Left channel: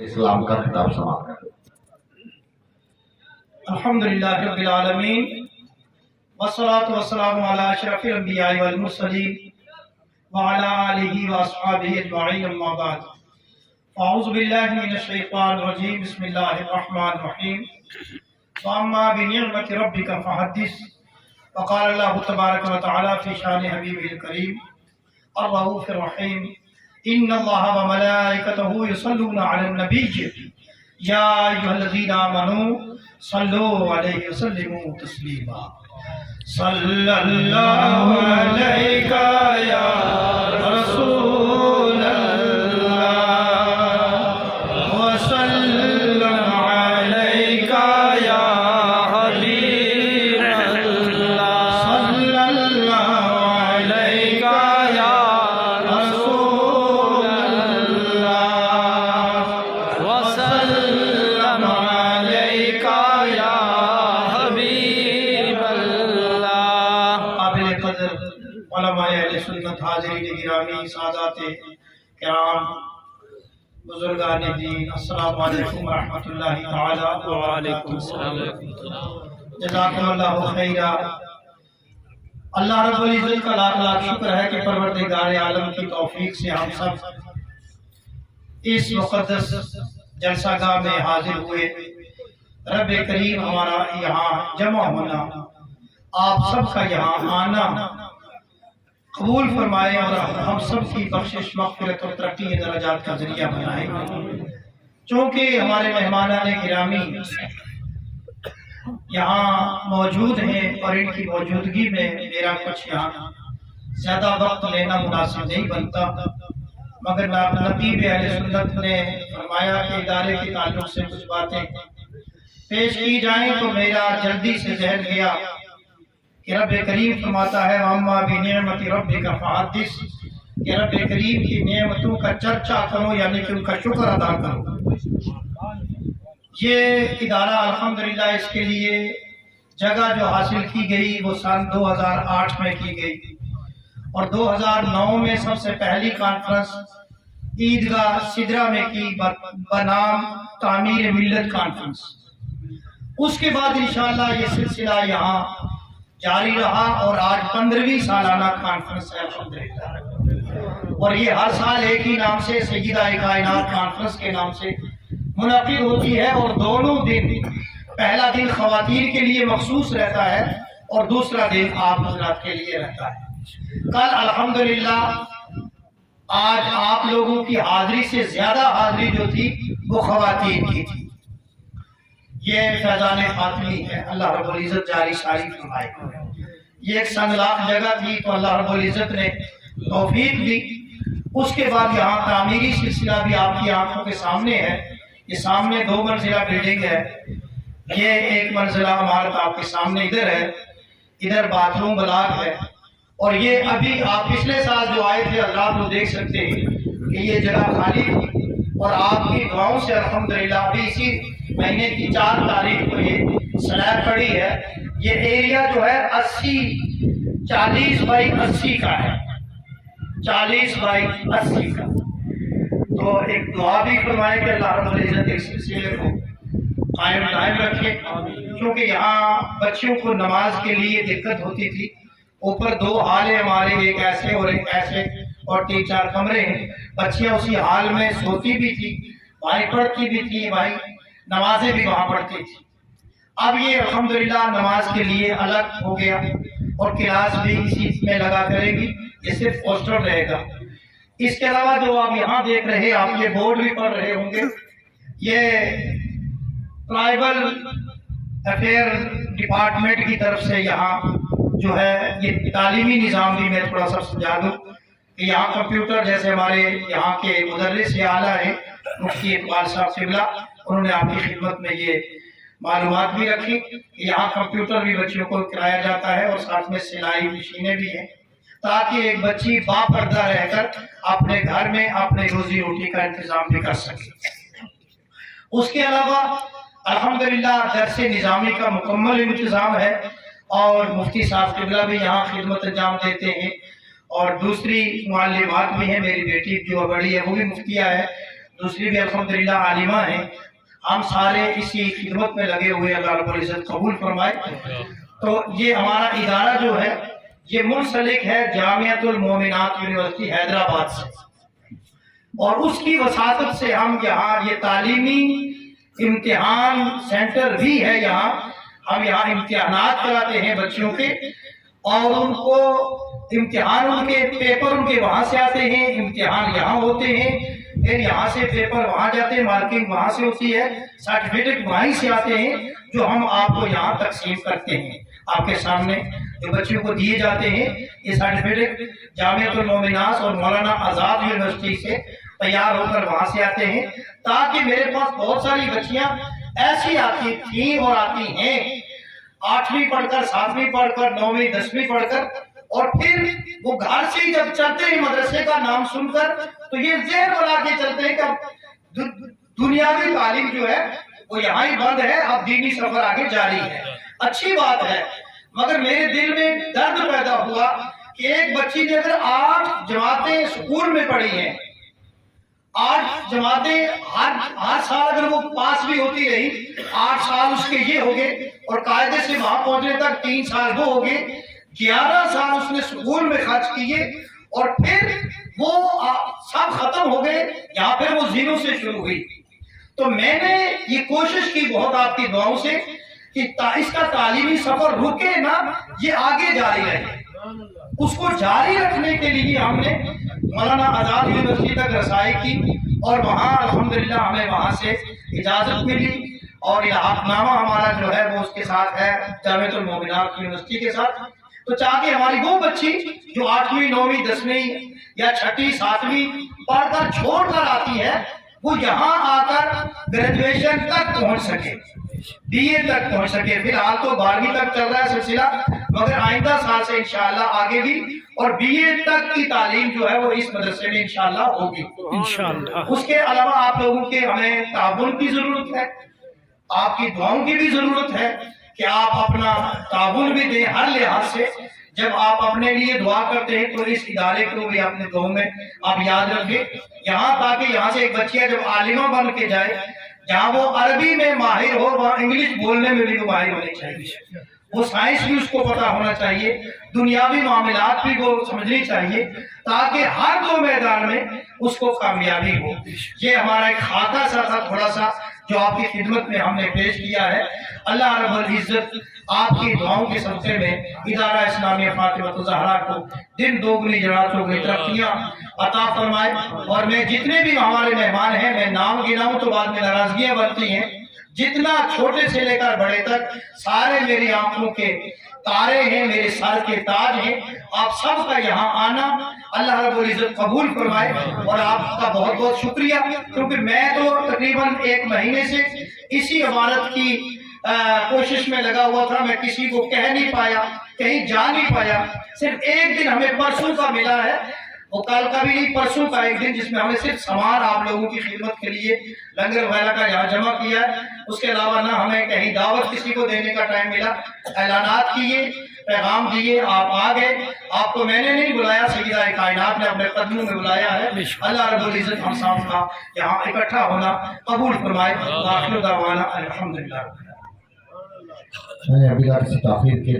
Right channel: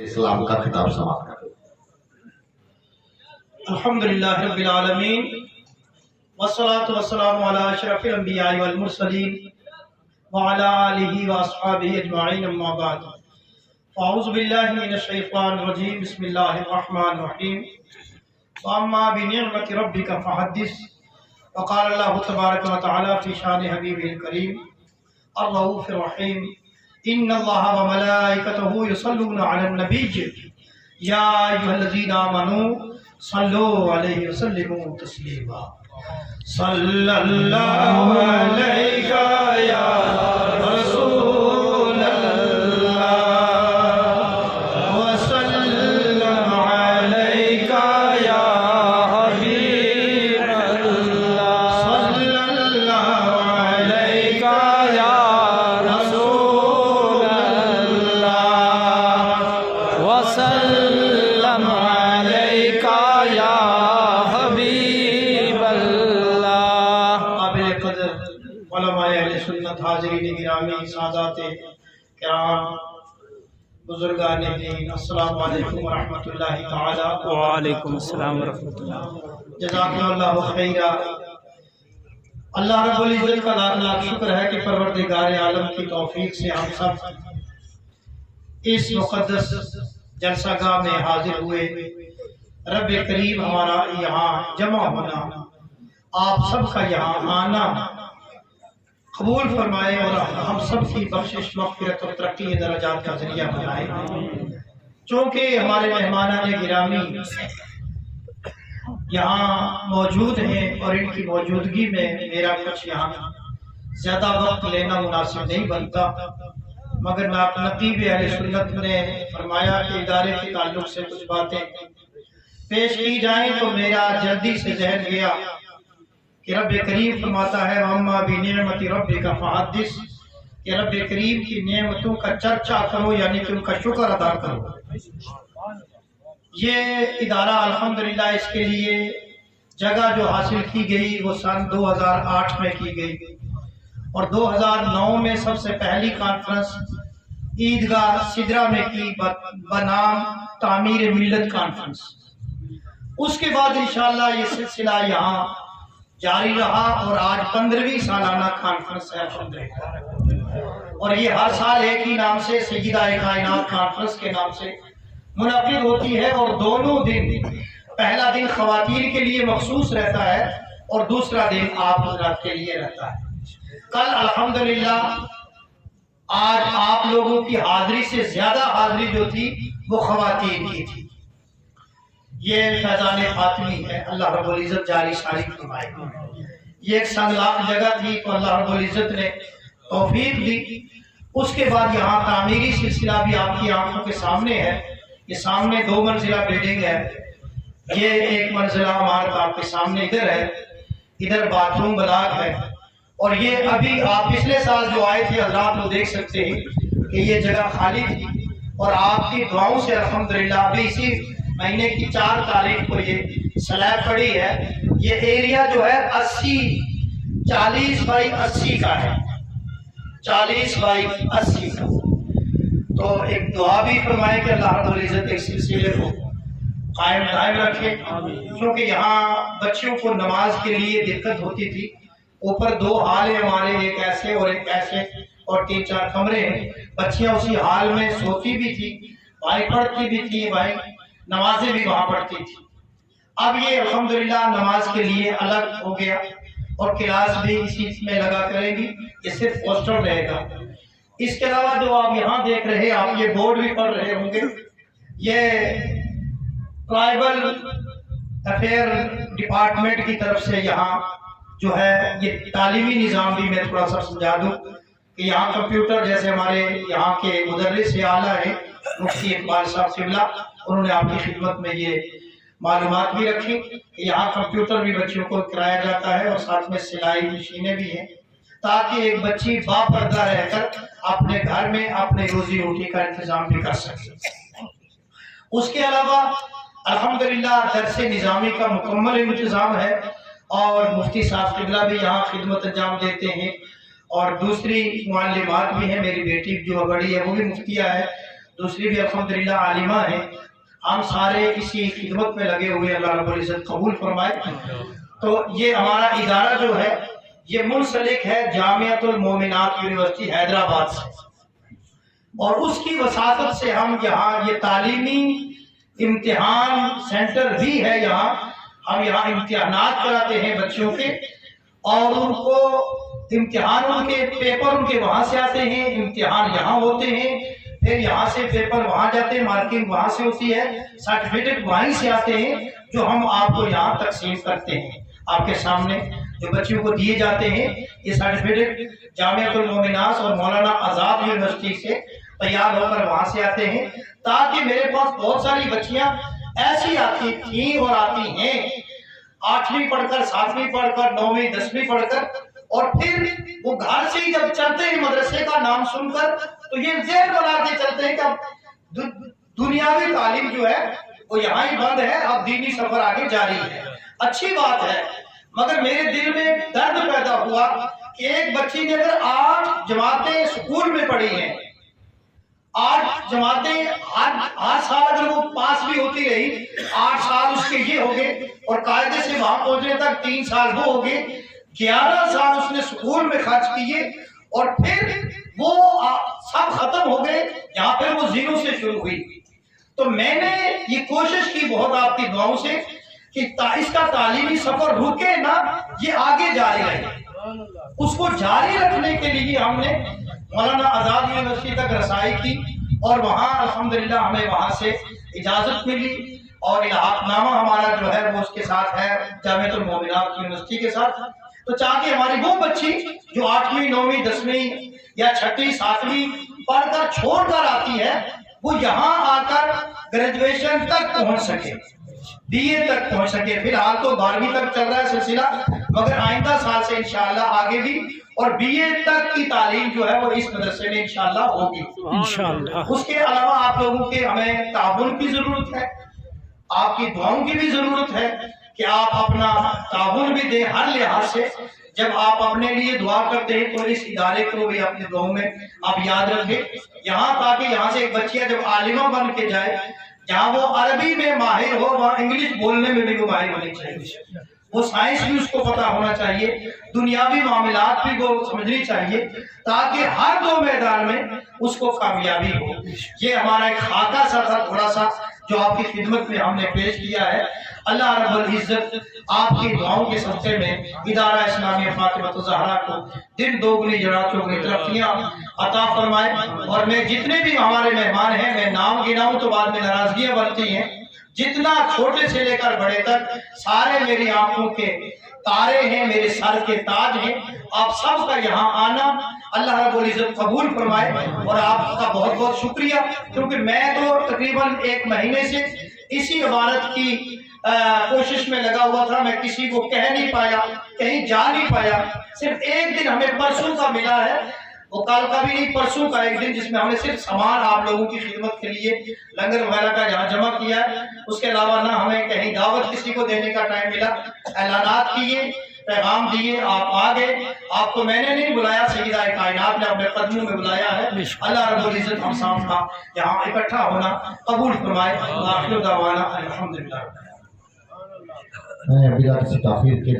اسلام کا خطاب سماعت کریں۔ الحمدللہ رب العالمین والصلاة والسلام علی اشرف الانبیاء والمرسلین وعلی آلہ واصحابہ اجمعین اما بعد اعوذ باللہ من الشیطان الرجیم بسم اللہ الرحمن الرحیم واما بنعمت ربک فحدث وقال اللہ تبارک و تعالی فی شان حبیبہ الکریم الرؤوف الرحیم ان اللہ وملائکتہ یصلون علی النبی یا ایھا الذین آمنوا صلوا علیہ وسلموا تسلیما صلی اللہ علیکہ یا رسول اللہ وسلم علیکہ یا حبیب اللہ صلی اللہ علیکہ یا رسول اللہ وسلم علیکہ یا حبیب اللہ۔ قابل قدر علماء اہل سنت، حاضرین گرامی، سادات کرام، بزرگان دین، السلام علیکم ورحمۃ اللہ تعالی وعلیکم السلام ورحمۃ اللہ۔ جزاکم اللہ خیرا۔ اللہ رب العزت کا لاکھ لاکھ شکر ہے کہ پروردگار عالم کی توفیق سے ہم سب اس مقدس جلسہ گاہ میں حاضر ہوئے۔ رب کریم ہمارا یہاں جمع ہونا، آپ سب کا یہاں آنا قبول فرمائے اور ہم سب کی بخشش، مغفرت اور ترقی درجات کا ذریعہ بنائے۔ چونکہ ہمارے مہمانان گرامی یہاں موجود ہیں اور ان کی موجودگی میں میرا کچھ یہاں زیادہ وقت لینا مناسب نہیں بنتا، مگر نقیب اہل سنت نے فرمایا کہ ادارے کے تعلق سے کچھ باتیں پیش کی جائیں تو میرا جلدی سے ذہن گیا کہ رب کریم فرماتا ہے وَأَمَّا بِنِعْمَتِ رَبِّكَ فَحَدِّثْ، کہ رب کریم کی نعمتوں کا چرچا کرو، یعنی کہ ان کا شکر ادا کرو۔ یہ ادارہ الحمدللہ اس کے لیے جگہ جو حاصل کی گئی وہ سن 2008 میں کی گئی، اور 2009 میں سب سے پہلی کانفرنس عیدگاہ سدرہ میں کی بنام تعمیر ملت کانفرنس۔ اس کے بعد انشاءاللہ یہ سلسلہ یہاں جاری رہا اور آج 15ویں سالانہ کانفرنس ہے الحمدللہ، اور یہ ہر سال ایک ہی نام سے سیدہ کائنات کانفرنس کے نام سے منعقد ہوتی ہے، اور دونوں دن، پہلا دن خواتین کے لیے مخصوص رہتا ہے اور دوسرا دن آپ حضرات کے لیے رہتا ہے۔ کل الحمدللہ آج آپ لوگوں کی حاضری سے زیادہ حاضری جو تھی وہ خواتین کی تھی۔ یہ فیضان فاطمی ہے، اللہ رب العزت جاری ساری فرمائے۔ یہ ایک سنگلاخ جگہ تھی تو اللہ رب العزت نے توفیق دی۔ اس کے بعد یہاں تعمیری سلسلہ بھی آپ کی آنکھوں کے سامنے ہے۔ یہ سامنے 2 منزلہ بلڈنگ ہے، یہ 1 منزلہ عمارت آپ کے سامنے ادھر ہے، ادھر باتھ روم بلاک ہے، اور یہ ابھی آپ پچھلے سال جو آئے تھے حضرات وہ دیکھ سکتے ہیں کہ یہ جگہ خالی تھی، اور آپ کی دعاؤں سے الحمدللہ ابھی اسی مہینے کی 4 تاریخ کو یہ سلیب پڑی ہے۔ یہ ایریا جو ہے 40 بائی 80 کا ہے، 40 بائی 80 کا۔ تو ایک دعا بھی فرمائے کہ اللہ رب العزت اس سلسلے کو قائم رکھے، کیونکہ یہاں بچیوں کو نماز کے لیے دقت ہوتی تھی۔ اوپر 2 حال ہیں ہمارے، ایک ایسے اور ایک ایسے، اور 3-4 کمرے ہیں۔ بچیاں اسی حال میں سوتی بھی تھی، بھائی پڑھتی بھی تھی، بھائی نمازیں بھی وہاں پڑھتی تھی۔ اب یہ الحمدللہ نماز کے لیے الگ ہو گیا، اور کلاس بھی اسی میں لگا کرے گی، یہ صرف پوسٹر رہے گا۔ اس کے علاوہ جو آپ یہاں دیکھ رہے ہیں، آپ یہ بورڈ بھی پڑھ رہے ہوں گے، یہ ٹرائبل افیئر ڈپارٹمنٹ کی طرف سے یہاں جو ہے یہ تعلیمی نظام بھی میں تھوڑا سا سمجھا دوں کہ یہاں کمپیوٹر، جیسے ہمارے یہاں کے مدرس اعلیٰ ہیں مفتی اقبال صاحب قبلہ، انہوں نے آپ کی خدمت میں یہ معلومات بھی رکھی کہ یہاں کمپیوٹر بھی بچیوں کو کرایا جاتا ہے، اور ساتھ میں سلائی مشینیں بھی ہیں، تاکہ ایک بچی باپردہ رہ کر اپنے گھر میں اپنے روزی روٹی کا انتظام بھی کر سکے۔ اس کے علاوہ الحمدللہ درس نظامی کا مکمل انتظام ہے، اور مفتی صاحب قبلہ بھی یہاں خدمت انجام دیتے ہیں، اور دوسری معلمات بھی ہیں، میری بیٹی جو بڑی ہے وہ بھی مفتیہ ہے، दूसरी भी अल्हम्दुलिल्लाह आलिमा हैं। हम सारे इसी खिदमत में लगे हुए, अल्लाह रब्बुल इज्जत कबूल फरमाए। तो ये हमारा इदारा जो है ये मुंसलिक है जामियातुल मोमिनात यूनिवर्सिटी हैदराबाद से, और उसकी वसातत से हम यहाँ ये तालीमी इम्तिहान सेंटर भी है। यहाँ हम यहाँ इम्तिहानात कराते हैं बच्चों के, और उनको इम्तिहान उनके पेपर उनके वहाँ से आते हैं, इम्तिहान यहाँ होते हैं, फिर यहाँ से पेपर वहाँ जाते हैं, मार्किंग वहाँ से होती है, सर्टिफिकेट वहीं से आते हैं जो हम आपको यहाँ तकसीम करते हैं। आपके सामने जो बच्चों को दिए जाते हैं ये सर्टिफिकेट जामियातुल मोमिनात और मौलाना आज़ाद यूनिवर्सिटी से तैयार होकर वहाँ से आते हैं, ताकि मेरे पास बहुत सारी बच्चियाँ ऐसी आती थी और आती हैं 8वीं पढ़कर, 7वीं पढ़कर, 9वीं 10वीं पढ़कर, और फिर वो घर से ही जब चलते हैं मदरसे का नाम सुनकर तो ये ज़हन बना के चलते हैं कि अब दुनियावी तालीम जो है वो यहाँ ही बंद है, अब दीनी सफर आगे जारी है। अच्छी बात है, मगर मेरे दिल में दर्द पैदा हुआ कि एक बच्ची ने अगर 8 जमातें स्कूल में पढ़ी हैं, 8 जमातें हर साल अगर वो पास भी होती रही, 8 साल उसके ये हो गए, और कायदे से वहां पहुंचने तक 3 साल वो हो गए, 11 साल उसने स्कूल में खर्च किए, और फिर वो सब खत्म हो गए, यहाँ फिर वो जीरो से शुरू हुई। तो मैंने ये कोशिश की बहुत आपकी दुआओं से कि इसका तालीमी सफर रुके ना, ये आगे जारी रहे। उसको जारी रखने के लिए हमने मौलाना आज़ाद यूनिवर्सिटी तक रसाई की, और वहाँ अल्हम्दुलिल्लाह हमें वहाँ से इजाज़त मिली, और इल्हाक़नामा हमारा जो है वो उसके साथ है जामियातुल मोमिनात यूनिवर्सिटी के साथ। तो चाहे हमारी वो बच्ची जो 8वीं 9वीं 10वीं या 6वीं 7वीं पढ़कर छोड़कर आती है, वो यहाँ आकर ग्रेजुएशन तक पहुँच सके, BA तक पहुँच सके। फिलहाल तो 12वीं तक चल रहा है सिलसिला, मगर आइंदा साल से इंशाअल्लाह आगे भी और BA तक की तालीम जो है वो इस मदरसे में इंशाअल्लाह होगी इंशाअल्लाह। उसके अलावा आप लोगों के हमें ताबुन की जरूरत है, आपकी दुआओं की भी जरूरत है कि आप अपना ताबुन भी दें हर लिहाज से। जब आप अपने लिए दुआ करते हैं तो इस इदारे को भी अपने दुआओं में आप याद रखें, यहाँ ताकि यहाँ से एक बच्चिया जब आलिमा बन के जाए, जहाँ वो अरबी में माहिर हो, वहाँ इंग्लिश बोलने में भी वो माहिर होनी चाहिए, वो साइंस भी उसको पता होना चाहिए, दुनियावी मामलात भी वो समझनी चाहिए, ताकि हर 2 मैदान में उसको कामयाबी हो। ये हमारा एक खाका सा था थोड़ा सा जो आपकी खिदमत में हमने पेश किया है। अल्लाह रब्बुल इज्जत आपकी दुआओं के सदक़े में इदारा इस्लामिया फातिमा ज़हरा को दिन दोगुनी जरा चौगुनी तरक्कियां अता फरमाए। और मैं जितने भी हमारे मेहमान हैं, मैं नाम गिनाऊं तो बाद में नाराजगियां बनती हैं, जितना छोटे से लेकर बड़े तक सारे मेरी आंखों के तारे हैं, मेरे सर के ताज हैं। आप सब का यहाँ आना अल्लाह रब्बुल इज्जत कबूल फरमाए, और आपका बहुत बहुत शुक्रिया, क्योंकि मैं तो तकरीबन 1 महीने से इसी इबारत की कोशिश में लगा हुआ था। मैं किसी को कह नहीं पाया, कहीं जा नहीं पाया। सिर्फ एक दिन हमें परसों का मिला है, वो कल का भी नहीं, परसों का एक दिन, जिसमें हमने सिर्फ सामान आप लोगों की खिदमत के लिए लंगर वगैरह का यहाँ जमा किया है। उसके अलावा ना हमें कहीं दावत किसी को देने का टाइम मिला। ऐलानात किए, पैगाम दिए, आप आ गए। आपको मैंने नहीं बुलाया, सैयदा कायनात ने अपने कदमों में बुलाया है। अल्लाह रब्बुल इज्जत हम सब का यहाँ इकट्ठा होना कबूल फरमाए। आखिर दावाना अल्हम्दुलिल्लाह। बिना किसी ताखीर के